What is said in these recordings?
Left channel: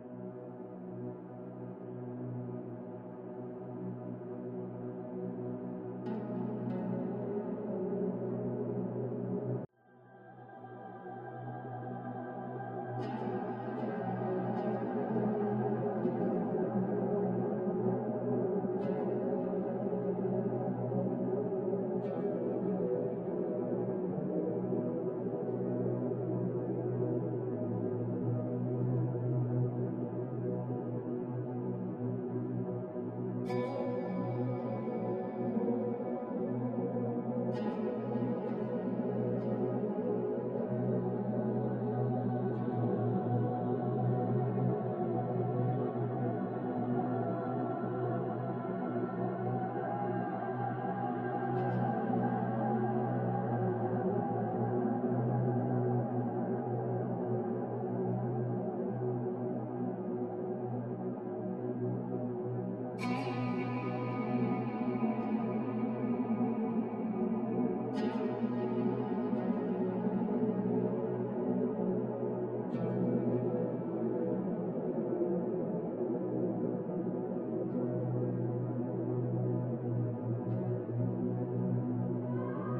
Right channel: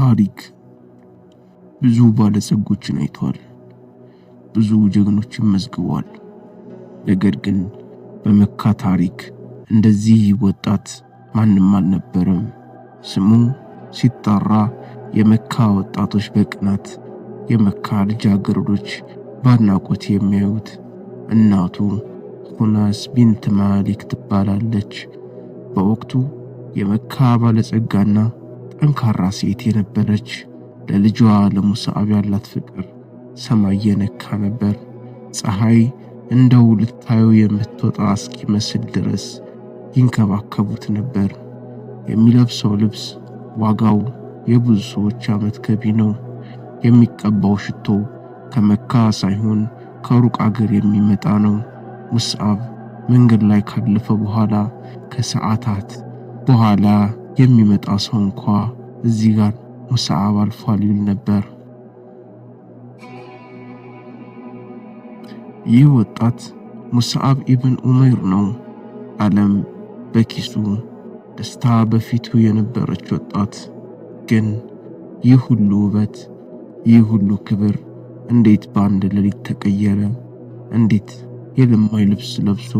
ታሪክ ብዙ ባለጸጎችን አይቷል፣ ብዙ ጀግኖችን መዝግቧል። ነገር ግን በመካ ታሪክ እንደዚህ ወጣት ማንም አልነበረም። ስሙ ሲጠራ የመካ ወጣቶች በቅናት፣ የመካ ልጃገረዶች በአድናቆት የሚያዩት እናቱ ሁናስ ቢንት ማሊክ ትባላለች። በወቅቱ የመካ ባለጸጋና ጠንካራ ሴት የነበረች፣ ለልጇ ለሙስዓብ ያላት ፍቅር ሰማይ የነካ ነበር። ፀሐይ እንደው ልታየው የምትወጣ እስኪመስል ድረስ ይንከባከቡት ነበር። የሚለብሰው ልብስ ዋጋው የብዙ ሰዎች ዓመት ገቢ ነው። የሚቀባው ሽቶ ከመካ ሳይሆን ከሩቅ አገር የሚመጣ ነው። ሙስዓብ መንገድ ላይ ካለፈ በኋላ ከሰዓታት በኋላ የሚመጣ ሰው እንኳ እዚህ ጋር ሙስዓብ አልፏል ይል ነበር። ይህ ወጣት ሙስዓብ ኢብን ዑመይር ነው። ዓለም በኪሱ ደስታ በፊቱ የነበረች ወጣት። ግን ይህ ሁሉ ውበት፣ ይህ ሁሉ ክብር እንዴት በአንድ ሌሊት ተቀየረ? እንዴት የለማይ ልብስ ለብሶ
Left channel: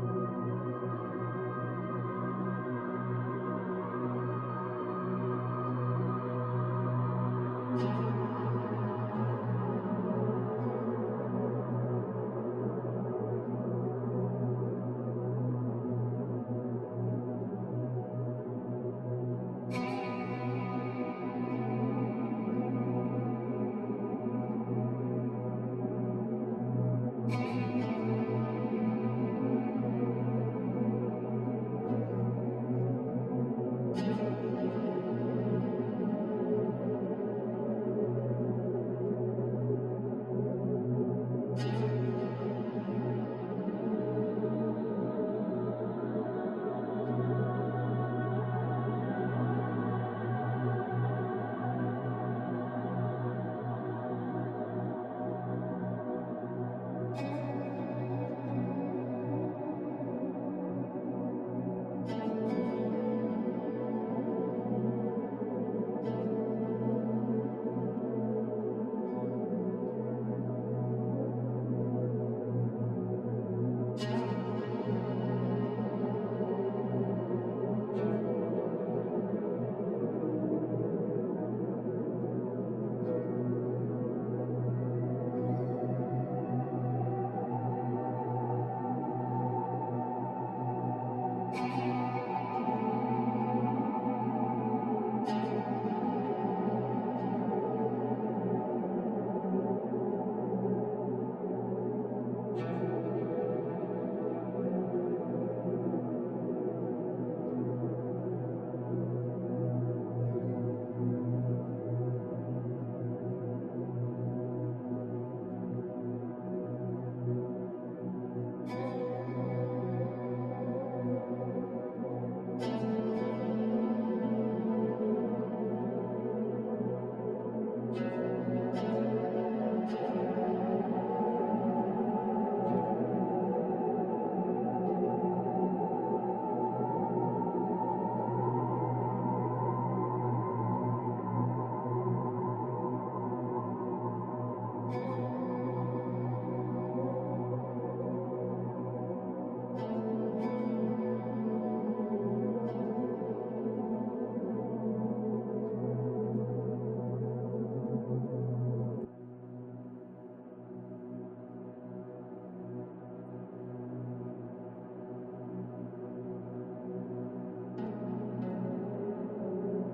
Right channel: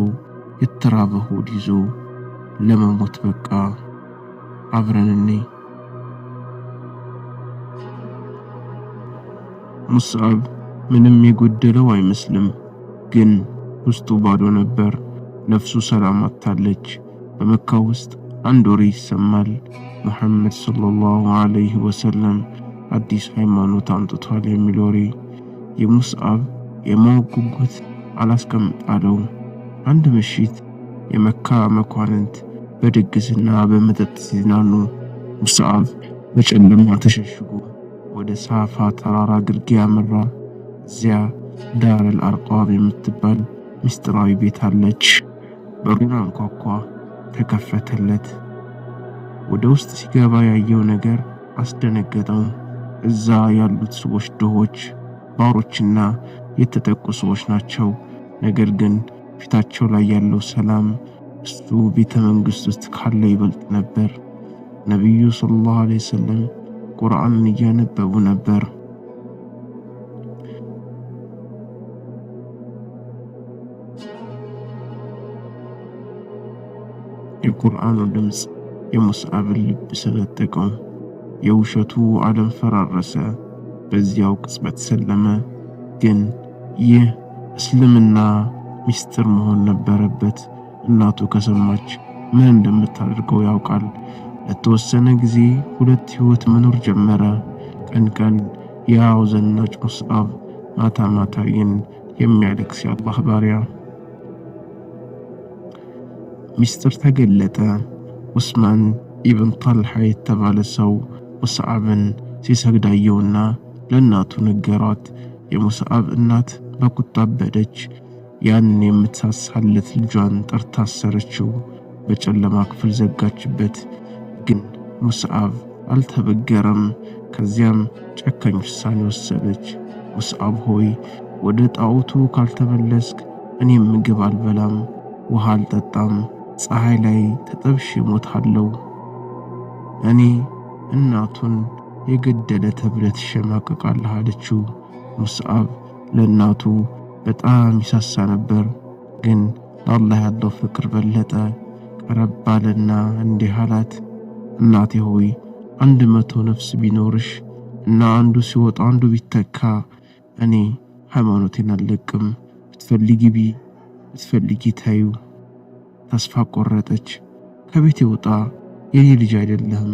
የተራበ ሆድ ይዞ ለመሞት በቃ? አብረን እንይ። ሙስዓብ ምንም የጎደለው አይመስልም፣ ግን ውስጡ ባዶ ነበር። ነፍሱ ሰላም አጥታለች። በመካ ውስጥ አንድ ወሬ ይሰማል። ሙሐመድ ሰለላሁ ዐለይሂ ወሰለም አዲስ ሃይማኖት አምጥቷል የሚል ወሬ። የሙስዓብ የማወቅ ጉጉት አላስቀምጣለው። አንድ ምሽት የመካ መኳንንት በድግስና በመጠጥ ሲዝናኑ፣ ሙስዓብ በጨለማ ተሸሽጎ ወደ ሳፋ ተራራ ግርጌ ያመራ። እዚያ ዳረል አርቃም የምትባል ምስጢራዊ ቤት አለች። በሩን አንኳኳ፣ ተከፈተለት። ወደ ውስጥ ሲገባ ያየው ነገር አስደነገጠው። እዛ ያሉት ሰዎች ድሆች፣ ባሮችና የተጠቁ ሰዎች ናቸው። ነገር ግን ፊታቸው ላይ ያለው ሰላም እሱ ቤተ መንግሥት ውስጥ ካለ ይበልጥ ነበር። ነቢዩ ሰለላሁ ዐለይሂ ወሰለም ቁርአንን እያነበቡ ነበር። የቁርአኑ ድምፅ የሙስዓብን ልብ ሰነጠቀው። የውሸቱ ዓለም ፈራረሰ። በዚያው ቅጽበት ሰለመ። ግን ይህ እስልምና ሚስጥር መሆን ነበረበት። እናቱ ከሰማች ምን እንደምታደርገው ያውቃል። ለተወሰነ ጊዜ ሁለት ሕይወት መኖር ጀመረ። ቀን ቀን ያው ዘናጭ ሙስዓብ፣ ማታ ማታ ግን የሚያለቅስ የአላህ ባሪያ። ሚስጥር ተገለጠ። ዑስማን ኢብን ጣልሓ የተባለ ሰው ሙስዓብን ሲሰግድ አየውና ለእናቱ ነገሯት። የሙስዓብ እናት በቁጣ አበደች። ያን የምትሳሳለት ልጇን ጠርታ አሰረችው። በጨለማ ክፍል ዘጋችበት። ግን ሙስዓብ አልተበገረም። ከዚያም ጨካኝ ውሳኔ ወሰነች። ሙስዓብ ሆይ፣ ወደ ጣዖቱ ካልተመለስክ እኔም ምግብ አልበላም፣ ውሃ አልጠጣም፣ ፀሐይ ላይ ተጠብሼ እሞታለሁ። እኔ እናቱን የገደለ ተብለህ ትሸማቀቃለህ አለችው። ሙስዓብ ለእናቱ በጣም ይሳሳ ነበር፣ ግን ለአላህ ያለው ፍቅር በለጠ። ቀረብ ባለና እንዲህ አላት፣ እናቴ ሆይ 100 ነፍስ ቢኖርሽ እና አንዱ ሲወጣ አንዱ ቢተካ እኔ ሃይማኖቴን አልለቅም። ብትፈልጊ ቢ ብትፈልጊ ታዩ። ተስፋ ቆረጠች። ከቤት ይወጣ የኔ ልጅ አይደለም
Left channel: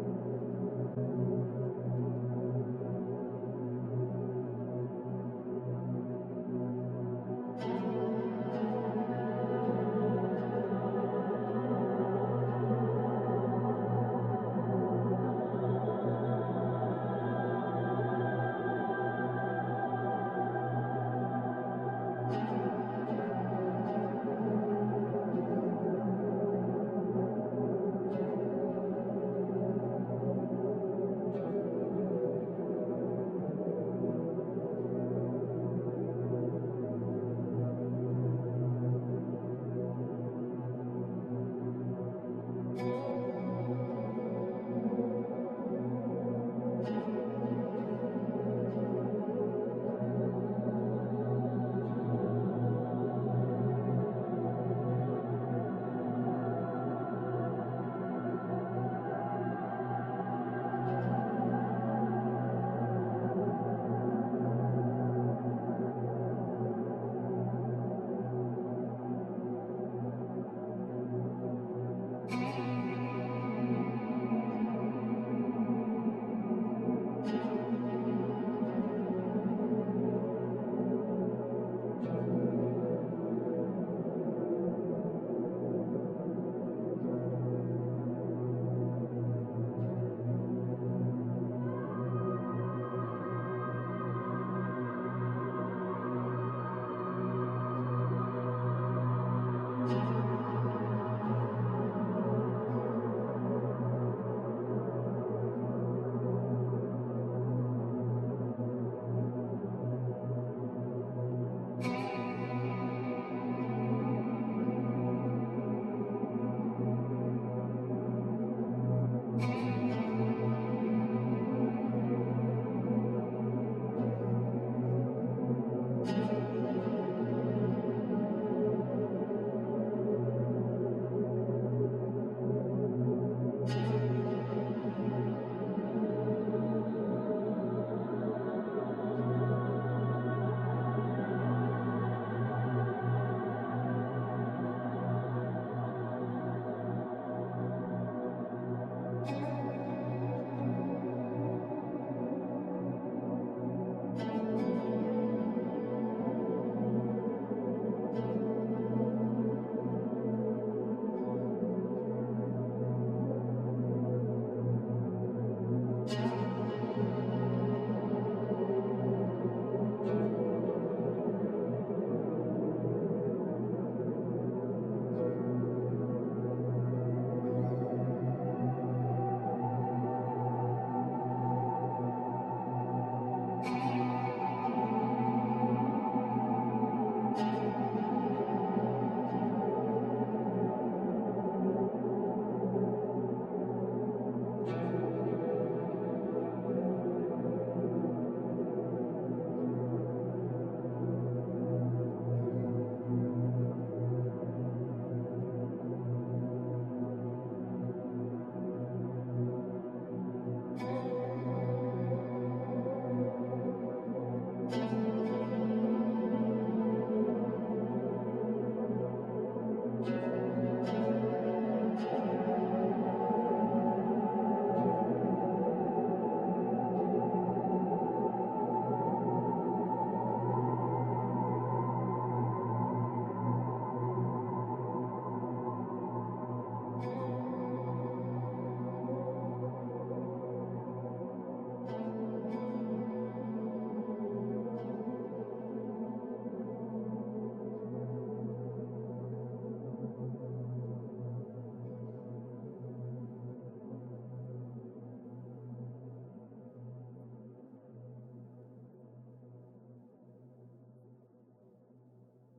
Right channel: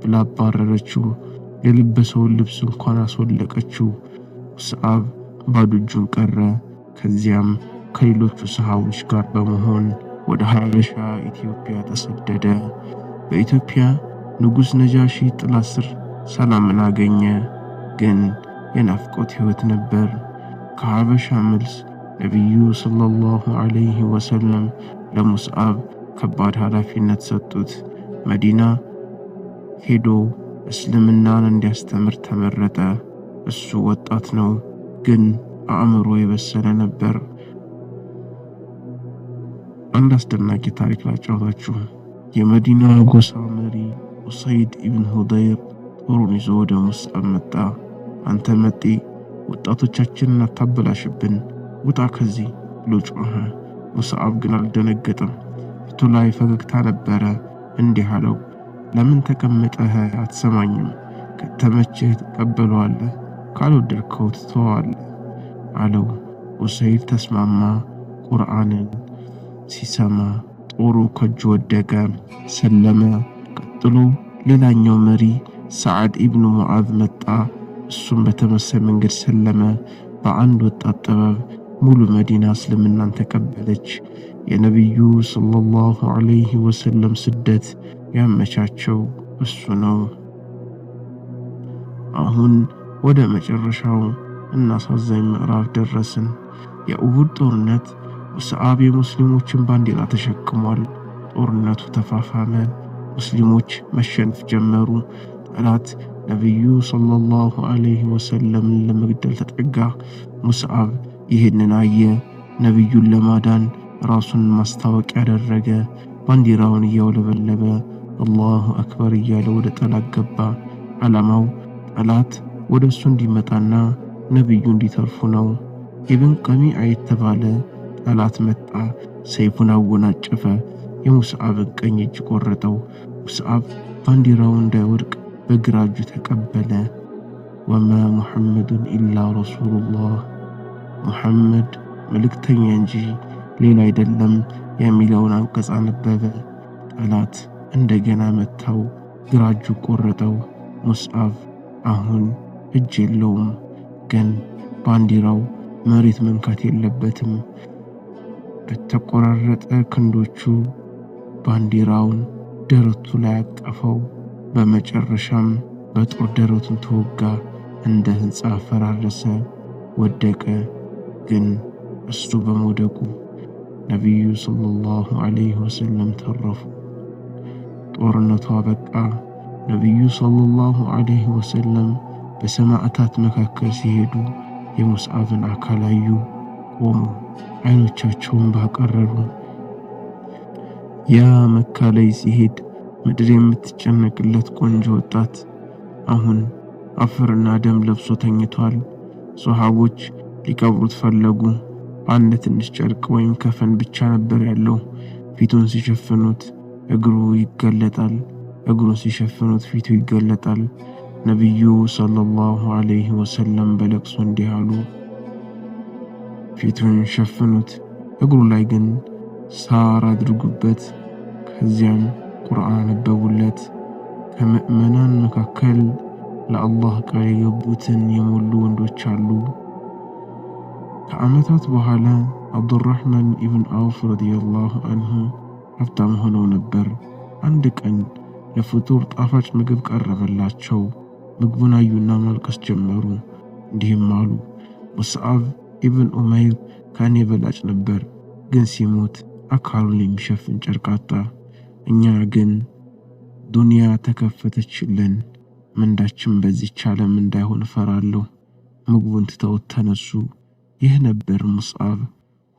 ብላ አባረረችው። የለበሰውን ልብስ እንኳን አስወለቀችው። ሙስዓብ ባዶ እጁን ቀረ። ከዚያም ከሌሎቹ ሰሃቦች ጋር በመሆን ወደ ሀበሻ ኢትዮጵያ ተሰደደ። በኢትዮጵያ ንጉሥ ነጃሺ ጥላ ስር ሰላምን አገኘ። ግን የናፍቆት ሕይወት ነበር። ከሀበሻ መልስ ነቢዩ ሰለላሁ ዐለይሂ ወሰለም ለሙስዓብ ከባድ ኃላፊነት ሰጡት። መዲና ሄዶ እስልምናን እንዲያስተምር ተመረጠ። እሱ ወጣት ነው፣ ግን አእምሮ የበሰለ ነበር። አንድ አስደናቂ ታሪክ ላጫውታችሁ። የመዲና ጎሳ መሪ ኡሰይድ ኢብን ሁደይር ጦሩን ይዞ ወደ ሙስዓብ መጣ። አንተ መጤ ወጣቶቻችንን አታበላሽብን፣ ውጣ ከዚህ ብሎ ጮኸ። ሙስዓብ ግን አልደነገጠም። ፊቱ ላይ ፈገግታ ነበረ። እንዲህ አለው፣ ለምን ተቀመጠህ አትሰማኝም? ከተመቸህ ትቀበለዋለህ፣ ካልወደድከው ትተዋለህ አለው። ኡሰይድ ተስማማ። ቁርአንን ሲሰማ ጦሩ ከእጁ ወደቀ፣ ሰለመ። ቀጥሎ ሌላኛው መሪ ሰዓድ ኢብኑ ሙዓዝ መጣ። እሱም በተመሳሳይ መንገድ ሰለመ። በአንድ ወጣት ጥበብ ሙሉ መዲና እስልምናን ተቀበለች። የነቢዩ ሰለላሁ ዐለይሂ ወሰለም ስደት ያመቻቸው እሱ ነው። አሁን ወደ መጨረሻው እናሳዛኝ ምዕራፍ ደረስን። የኡሁድ ጦርነት ሙስዓብ የሙስሊሞችን ባንዲራ ተሸክሟል። ጦርነቱ ተፋፋመ። ሙስሊሞች መሸነፍ ጀመሩ። ጠላት ነቢዩ ሰለላሁ ዐለይሂ ወሰለምን ለመግደል ተጠጋ። ሙስዓብ ይህንን አየ። ነቢዩን ለማዳን ራሱን ማስታወቂያ ያደረገ። ባንዲራውን እያውለበለበ አላሁ አክበር እያለ ወደ ጠላት ገባ። ዓላማው ጠላት ወደ እሱ እንዲመጣና ነቢዩ እንዲተርፉ ነው። ኢብን ቀሚዓ የተባለ ጠላት መጣ። ሰይፉን አወናጨፈ። የሙስዓብን ቀኝ እጅ ቆረጠው። ሙስዓብ ባንዲራው እንዳይወድቅ በግራ እጁ ተቀበለ። ወማ ሙሐመዱን ኢላ ረሱሉላህ፣ ሙሐመድ መልእክተኛ እንጂ ሌላ አይደለም የሚለውን አንቀጽ አነበበ። ጠላት እንደገና መታው። ግራ እጁ ቆረጠው። ሙስዓብ አሁን እጅ የለውም፣ ግን ባንዲራው መሬት መንካት የለበትም። በተቆራረጠ ክንዶቹ ባንዲራውን ደረቱ ላይ አጠፈው። በመጨረሻም በጦር ደረቱን ተወጋ። እንደ ሕንፃ ፈራረሰ፣ ወደቀ። ግን እሱ በመውደቁ ነቢዩ ሰለላሁ ዐለይሂ ወሰለም ተረፉ። ጦርነቱ አበቃ። ነቢዩ ሰለላሁ ዐለይሂ ወሰለም በሰማዕታት መካከል ሲሄዱ የሙስዓብን አካል አዩ። ቆሙ፣ አይኖቻቸውን ባቀረሩ። ያ መካ ላይ ሲሄድ ምድር የምትጨነቅለት ቆንጆ ወጣት አሁን አፈርና ደም ለብሶ ተኝቷል። ሶሐቦች ሊቀብሩት ፈለጉ። አንድ ትንሽ ጨርቅ ወይም ከፈን ብቻ ነበር ያለው። ፊቱን ሲሸፍኑት እግሩ ይገለጣል፣ እግሩን ሲሸፍኑት ፊቱ ይገለጣል። ነቢዩ ሰለላሁ ዐለይሂ ወሰለም በለቅሶ እንዲህ አሉ፣ ፊቱን ሸፍኑት፣ እግሩ ላይ ግን ሳር አድርጉበት። ከዚያም ቁርአን አነበቡለት። ከምእመናን መካከል ለአላህ ቃል የገቡትን የሞሉ ወንዶች አሉ። ከዓመታት በኋላ አብዱራህማን ኢብን አውፍ ረዲየላሁ አንሁ ሀብታም ሆነው ነበር። አንድ ቀን ለፍጡር ጣፋጭ ምግብ ቀረበላቸው። ምግቡን አዩና ማልቀስ ጀመሩ። እንዲህም አሉ፣ ሙስዓብ ኢብን ኡመይር ከእኔ በላጭ ነበር፣ ግን ሲሞት አካሉን የሚሸፍን ጨርቅ አጣ። እኛ ግን ዱንያ ተከፈተችልን፣ ምንዳችን በዚህች ዓለም እንዳይሆን እፈራለሁ። ምግቡን ትተውት ተነሱ። ይህ ነበር ሙስዓብ።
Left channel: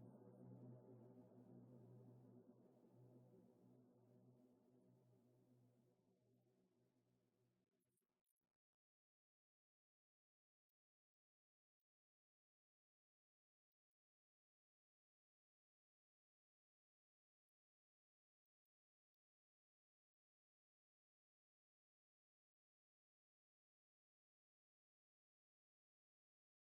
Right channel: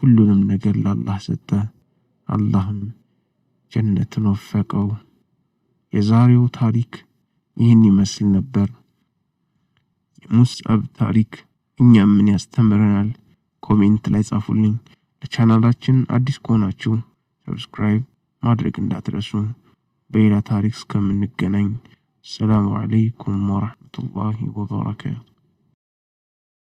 ሁሉንም ነገር ለአላህ ሰጠ። አላህም ጀነትን ወፈቀው። የዛሬው ታሪክ ይህን ይመስል ነበር። የሙስዓብ ታሪክ እኛም ምን ያስተምረናል? ኮሜንት ላይ ጻፉልኝ። ለቻናላችን አዲስ ከሆናችሁ ሰብስክራይብ ማድረግ እንዳትረሱ። በሌላ ታሪክ እስከምንገናኝ ሰላሙ አለይኩም ወራህመቱላሂ ወበረካቱ።